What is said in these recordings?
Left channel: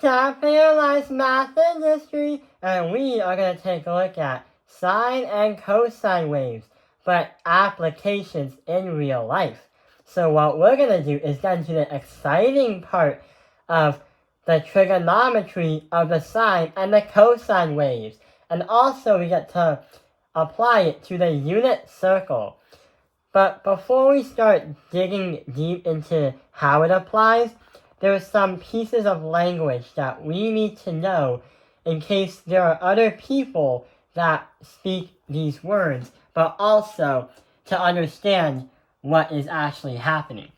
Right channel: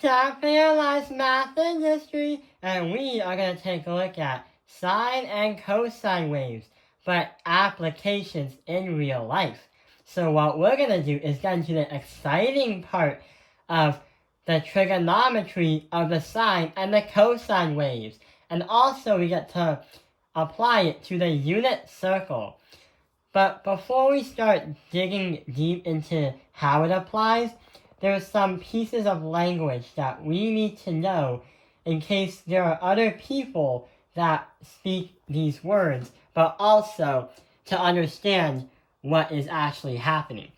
Capitalized math and history, and we are going to take a look at sine and cosine waves, but applications in real life. So what we're going to do is get into the exciting part of the trigonometry of the sine and the cosine waves, and also we get to apply it to the unit circle. But before we start digging deep into how it applies, there are some pieces of language that we need to know in case there are other people that speak these words, but also to understand what is actually happening.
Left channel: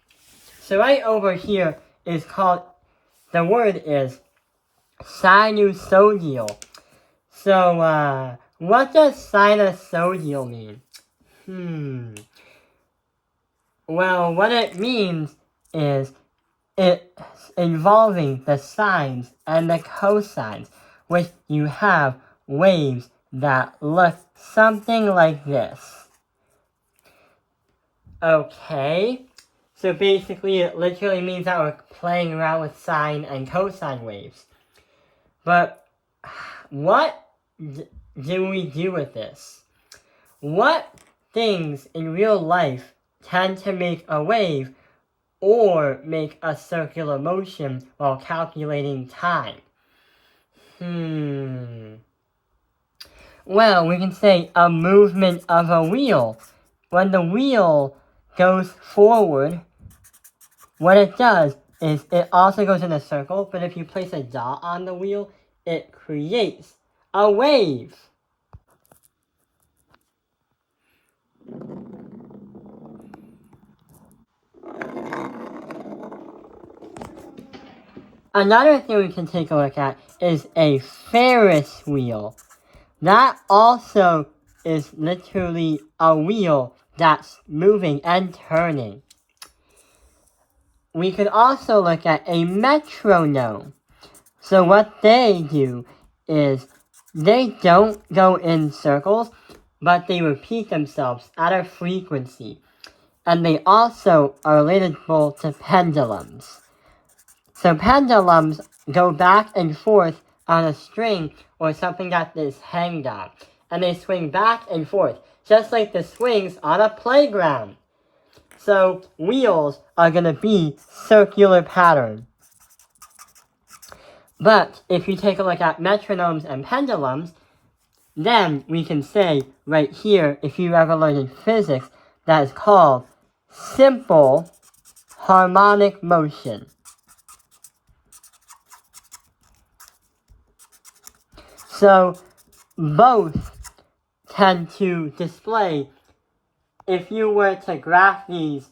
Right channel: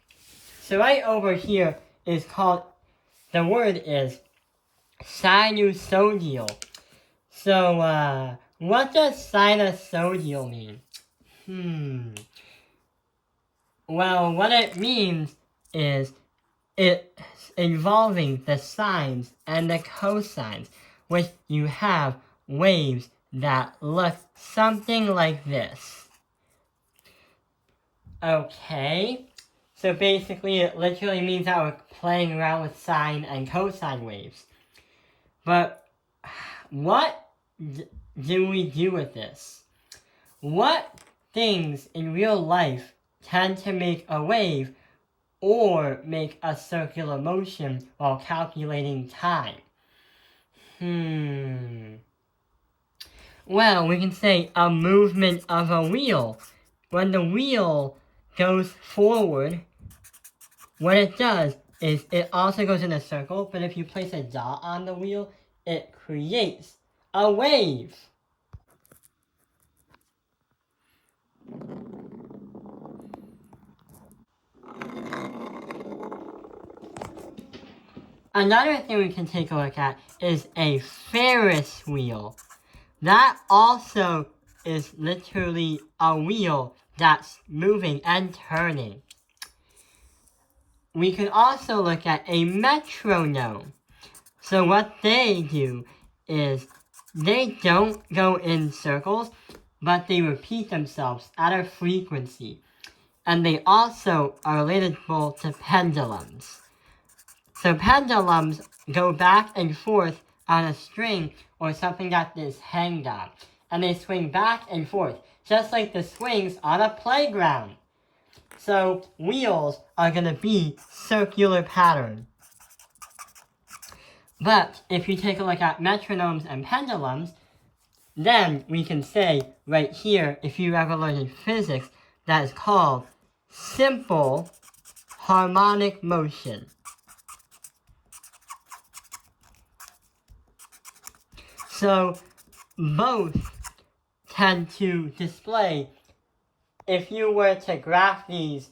So right over here is called, the word is sinusoidal. So what does sinusoidal mean? Well, what it means is it's involving the sines and the cosines, which you have waves that look something like this. Okay, so basically it literally means that we're playing around with sine and cosine waves. But what do we do with this? What things in real life tend to make a wave or make a circular motion while calculating time? Well, we can say a movement of a wheel. When the wheel goes forward, what it does is it also goes in a circle, but if you place a dot on the wheel, it creates a wave. Another thing we can take a look at is a Ferris wheel. That also is literally a wheel that's moving and turning. We could also look at a metronome. So what they do is they don't go in circles, but they repeat themselves at a frequency. And they also are relatable to pendulums. So pendulums go back and forth on a string or something that is hanged on. And they swing back and forth, just like the swings on a playground. So wheels are going to be circular pattern. But if you take a look at metronomes and pendulums, then we can say right here, if you ever learned in physics, that is called simple harmonic motion. So both tend to display, if you were to graph these,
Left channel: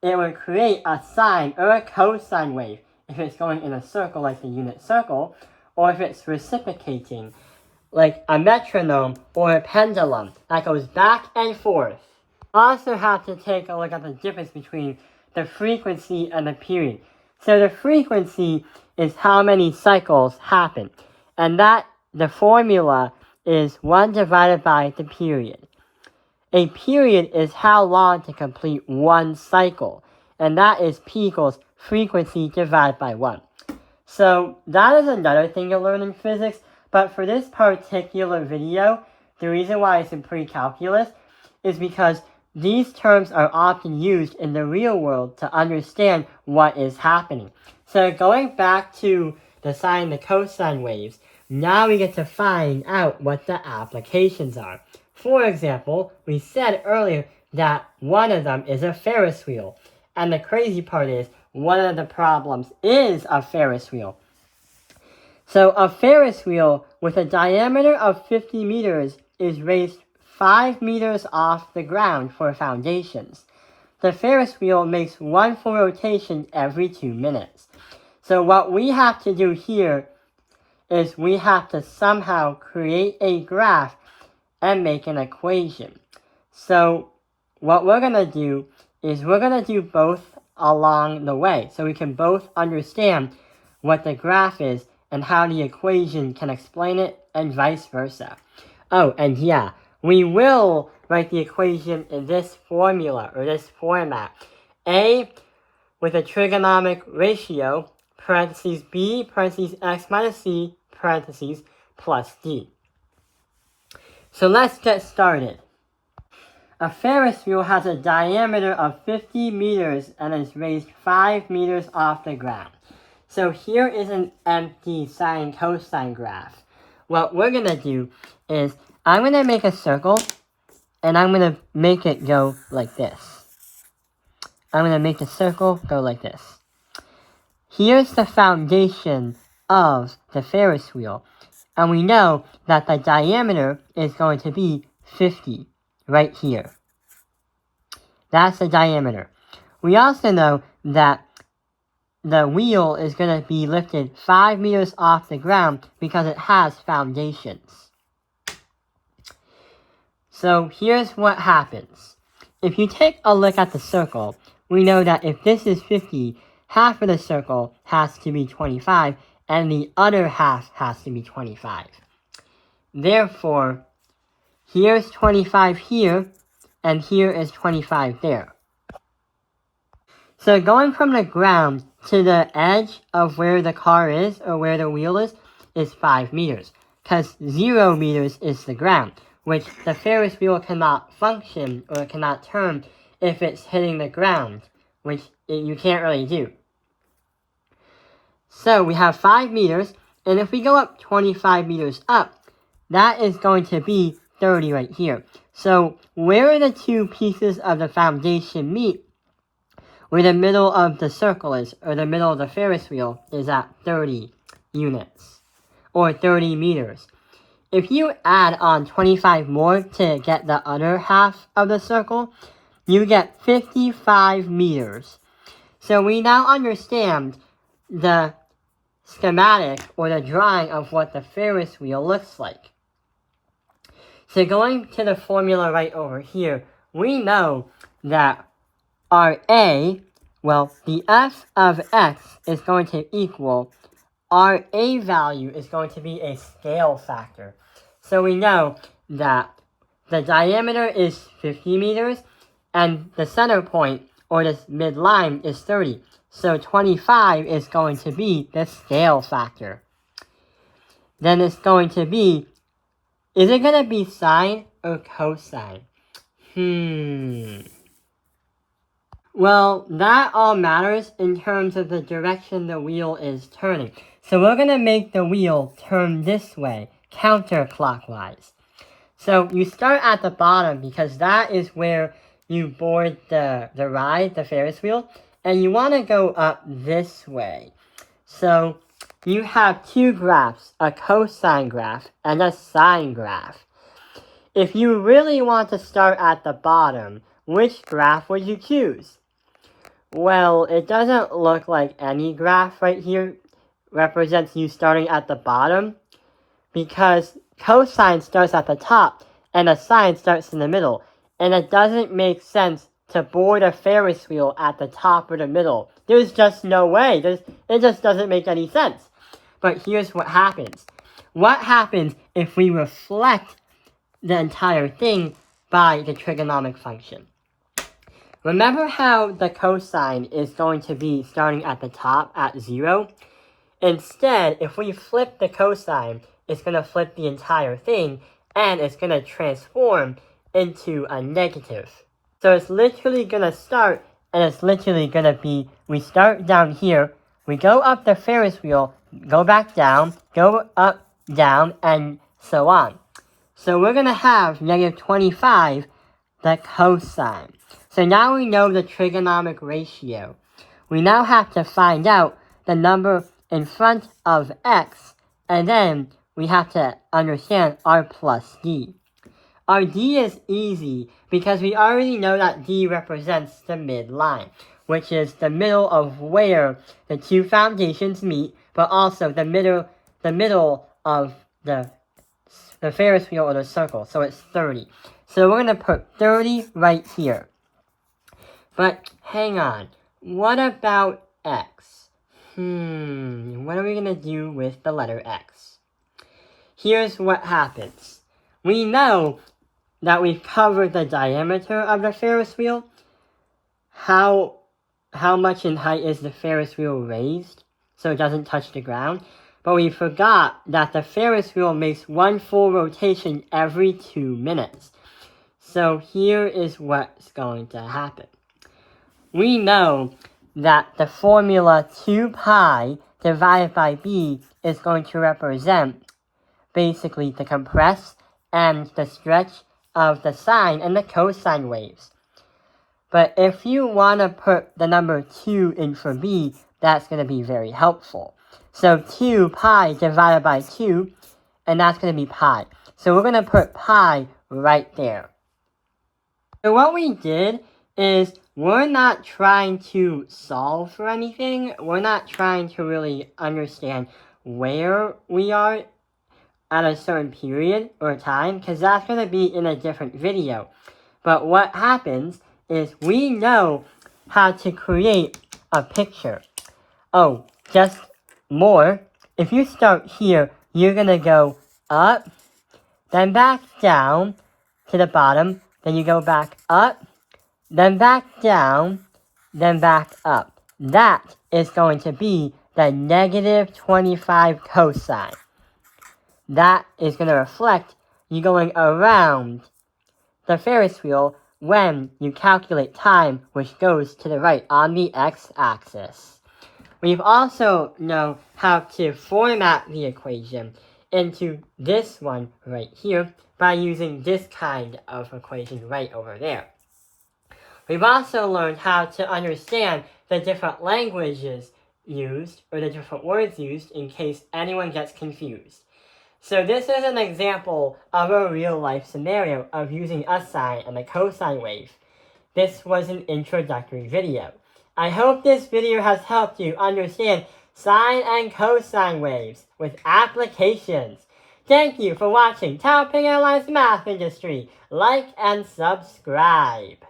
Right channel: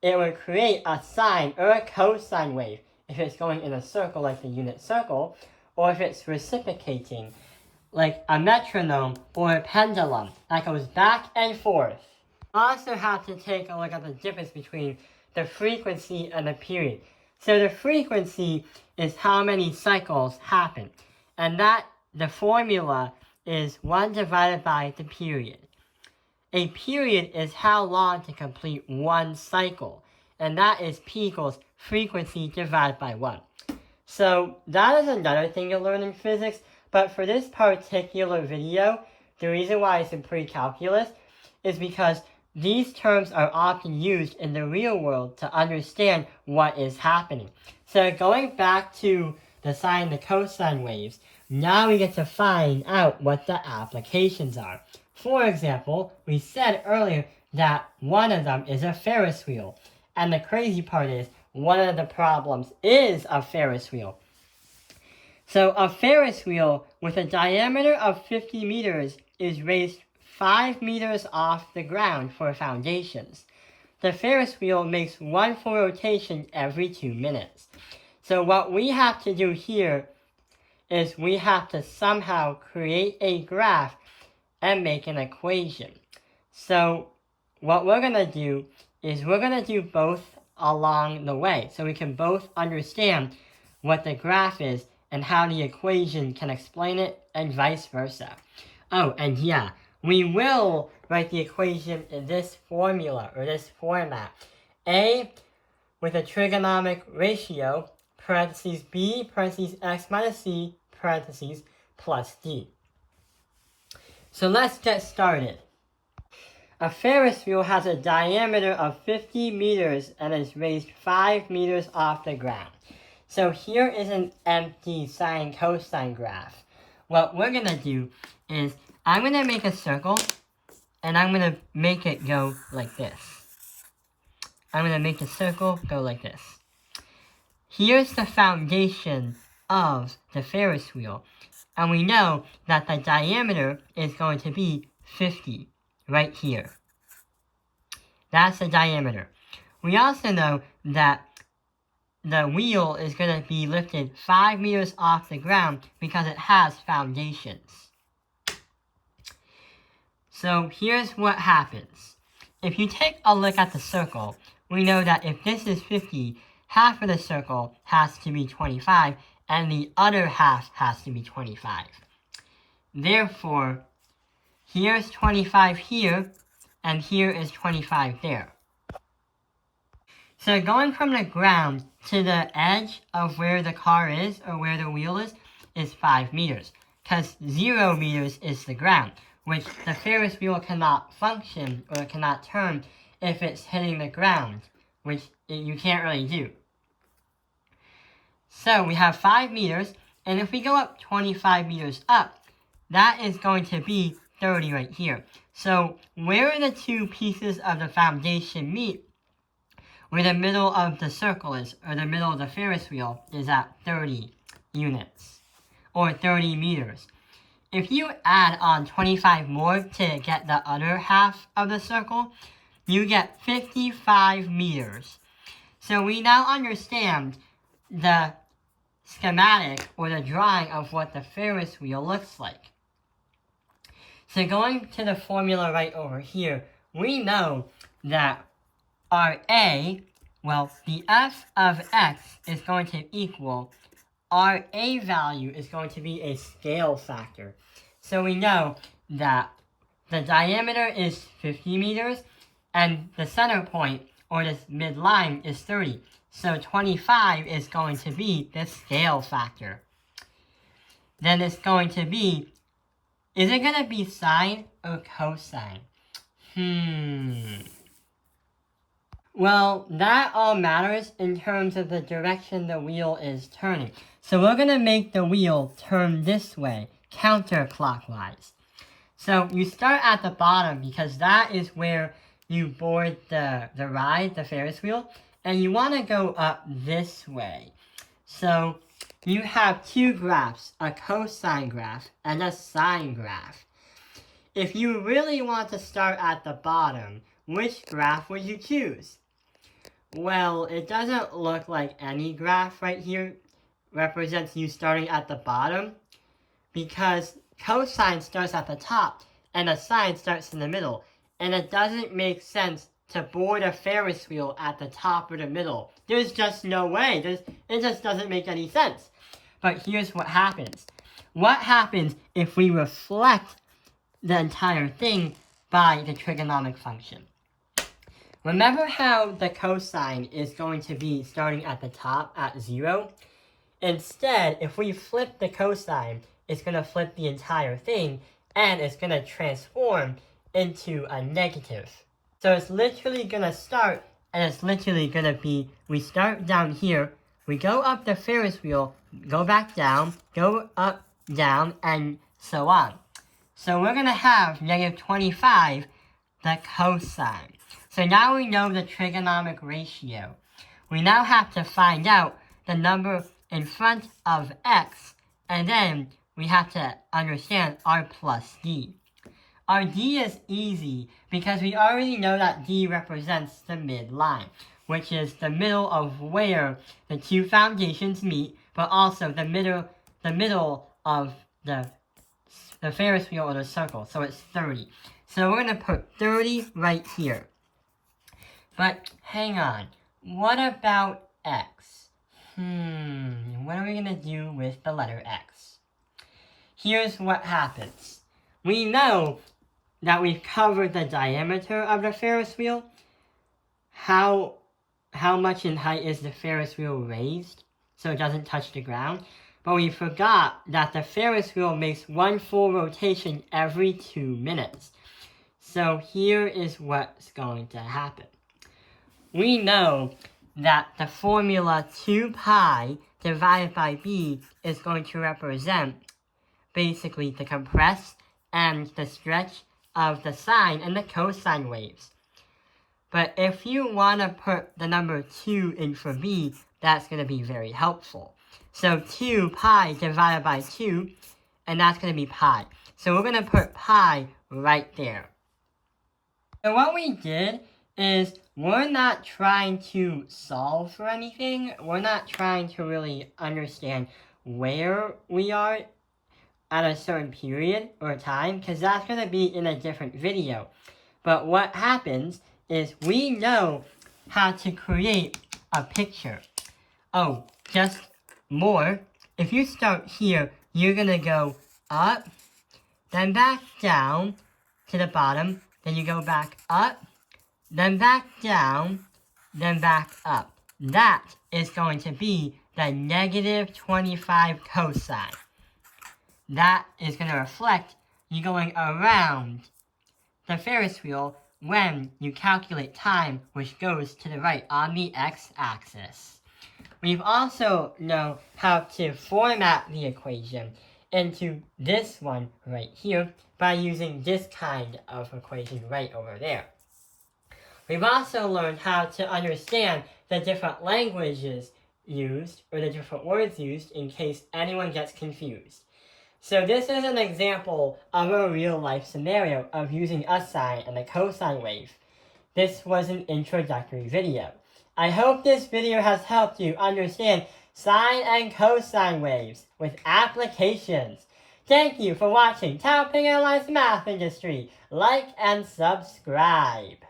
it would create a sine or a cosine wave if it's going in a circle like the unit circle, or if it's reciprocating like a metronome or a pendulum that goes back and forth. Also have to take a look at the difference between the frequency and the period. So the frequency is how many cycles happen, and that the formula is 1 divided by the period. A period is how long to complete one cycle, and that is P equals frequency divided by 1. So that is another thing you'll learn in physics, but for this particular video, the reason why it's in pre-calculus is because these terms are often used in the real world to understand what is happening. So going back to the sine and the cosine waves, now we get to find out what the applications are. For example, we said earlier that one of them is a Ferris wheel. And the crazy part is, one of the problems is a Ferris wheel. So a Ferris wheel with a diameter of 50 meters is raised 5 meters off the ground for foundations. The Ferris wheel makes one full rotation every 2 minutes. So what we have to do here is we have to somehow create a graph and make an equation. So what we're going to do is we're going to do both along the way, so we can both understand what the graph is and how the equation can explain it, and vice versa. Oh, and yeah, we will write the equation in this formula, or this format. A with a trigonomic ratio parentheses b, parentheses x minus c, parentheses plus d. So let's get started. A Ferris wheel has a diameter of 50 meters and is raised 5 meters off the ground. So here is an empty sine cosine graph. What we're going to do is I'm going to make a circle and I'm going to make it go like this. I'm going to make the circle go like this. Here's the foundation of the Ferris wheel. And we know that the diameter is going to be 50 right here. That's the diameter. We also know that the wheel is going to be lifted 5 meters off the ground because it has foundations. So here's what happens. If you take a look at the circle, we know that if this is 50, half of the circle has to be 25, and the other half has to be 25. Therefore, here's 25 here, and here is 25 there. So going from the ground to the edge of where the car is, or where the wheel is 5 meters. Because 0 meters is the ground, which the Ferris wheel cannot function, or cannot turn, if it's hitting the ground, which you can't really do. So we have 5 meters, and if we go up 25 meters up, that is going to be 30 right here. So where the two pieces of the foundation meet, where the middle of the circle is, or the middle of the Ferris wheel, is at 30 units, or 30 meters. If you add on 25 more to get the other half of the circle, you get 55 meters. So we now understand the schematic, or the drawing of what the Ferris wheel looks like. So going to the formula right over here, we know that our a, well, the f of x is going to equal, our a value is going to be a scale factor. So we know that the diameter is 50 meters, and the center point, or this midline, is 30. So 25 is going to be the scale factor. Then it's going to be, is it going to be sine or cosine? Well, that all matters in terms of the direction the wheel is turning. So we're going to make the wheel turn this way, counterclockwise. So you start at the bottom because that is where you board the ride, the Ferris wheel, and you want to go up this way. So you have two graphs, a cosine graph and a sine graph. If you really want to start at the bottom, which graph would you choose? Well, it doesn't look like any graph right here represents you starting at the bottom, because cosine starts at the top and a sine starts in the middle, and it doesn't make sense to board a Ferris wheel at the top or the middle. There's just no way. It just doesn't make any sense. But here's what happens. What happens if we reflect the entire thing by the trigonometric function? Remember how the cosine is going to be starting at the top at 0? Instead, if we flip the cosine, it's going to flip the entire thing, and it's going to transform into a negative. So it's literally going to start, and it's literally going to be, we start down here, we go up the Ferris wheel, go back down, go up, down, and so on. So we're going to have negative 25, the cosine. So now we know the trigonometric ratio. We now have to find out the number in front of x, and then we have to understand r plus d. Our d is easy because we already know that d represents the midline, which is the middle of where the two foundations meet, but also the middle of the Ferris wheel or the circle, so it's 30. So we're going to put 30 right here. But hang on, what about x? What are we going to do with the letter x? Here's what happens. We know that we've covered the diameter of the Ferris wheel. How much in height is the Ferris wheel raised? so it doesn't touch the ground. But we forgot that the Ferris wheel makes one full rotation every 2 minutes. So here is what's going to happen. We know that the formula 2 pi divided by b is going to represent basically the compress and the stretch of the sine and the cosine waves. But if you want to put the number 2 in for b, that's going to be very helpful. So 2 pi divided by 2, and that's going to be pi. So we're going to put pi right there. So what we did is we're not trying to solve for anything. We're not trying to really understand where we are at a certain period or time, because that's going to be in a different video. But what happens is we know how to create a picture. Oh, just more. If you start here, you're going to go up, then back down to the bottom, then you go back up, then back down, then back up. That is going to be the negative 25 cosine. That is going to reflect you going around the Ferris wheel when you calculate time, which goes to the right on the x-axis. We've also known how to format the equation into this one right here by using this kind of equation right over there. We've also learned how to understand the different languages used, or the different words used, in case anyone gets confused. So this is an example of a real-life scenario of using a sine and a cosine wave. This was an introductory video. I hope this video has helped you understand sine and cosine waves with applications. Thank you for watching Taoping Airlines Math Industry. Like and subscribe.